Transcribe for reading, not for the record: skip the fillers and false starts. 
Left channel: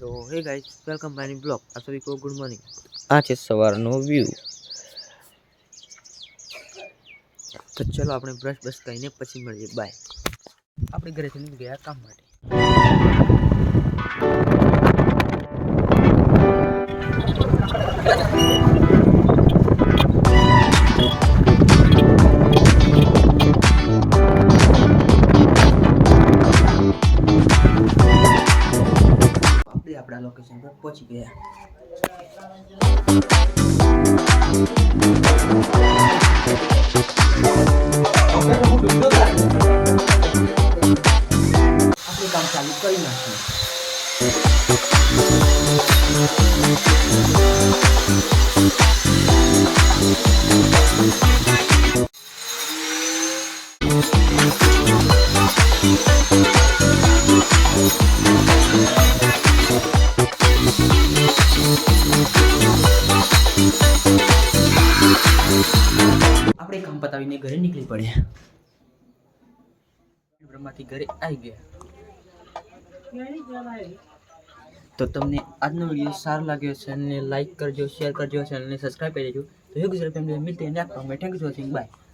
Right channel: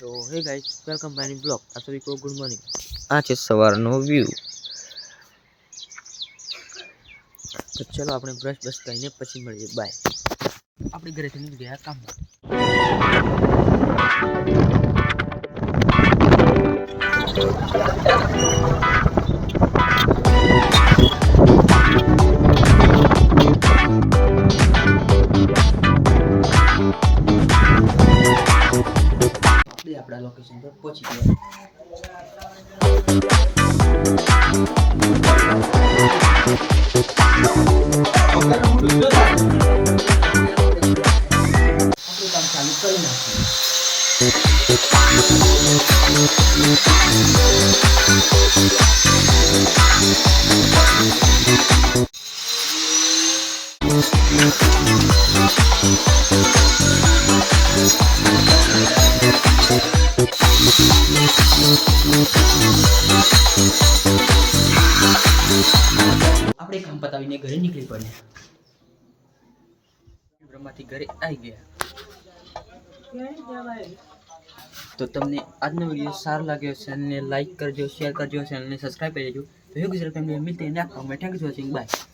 तो hey guys, welcome my new blog. आप सभी को गुड मॉर्निंग। आज है सवारનો વ્યૂ। તો ચલો આપણે બ્રશ કરીને પછી મળીએ। બાય। આપણે ઘરેથી નીકળી ગયા કામ માટે। આપણા લોકેશન પર પહોંચી ગયા। આપણે કામ ચાલુ કરી નાખ્યું। આપણે કામ પતાવીને ઘરે નીકળી પડ્યા। બ્રહ્માથી ઘરે આવી ગયા। તો તમને આજનો વિડીયો સારો લાગ્યો છે અને લાઈક કરજો, શેર કરજો, ચેનલને સબસ્ક્રાઇબ કરી દેજો। તો હે ગુજરાત ફેમિલી, મિલતે हैं नेक्स्ट में। Thank you for watching, bye.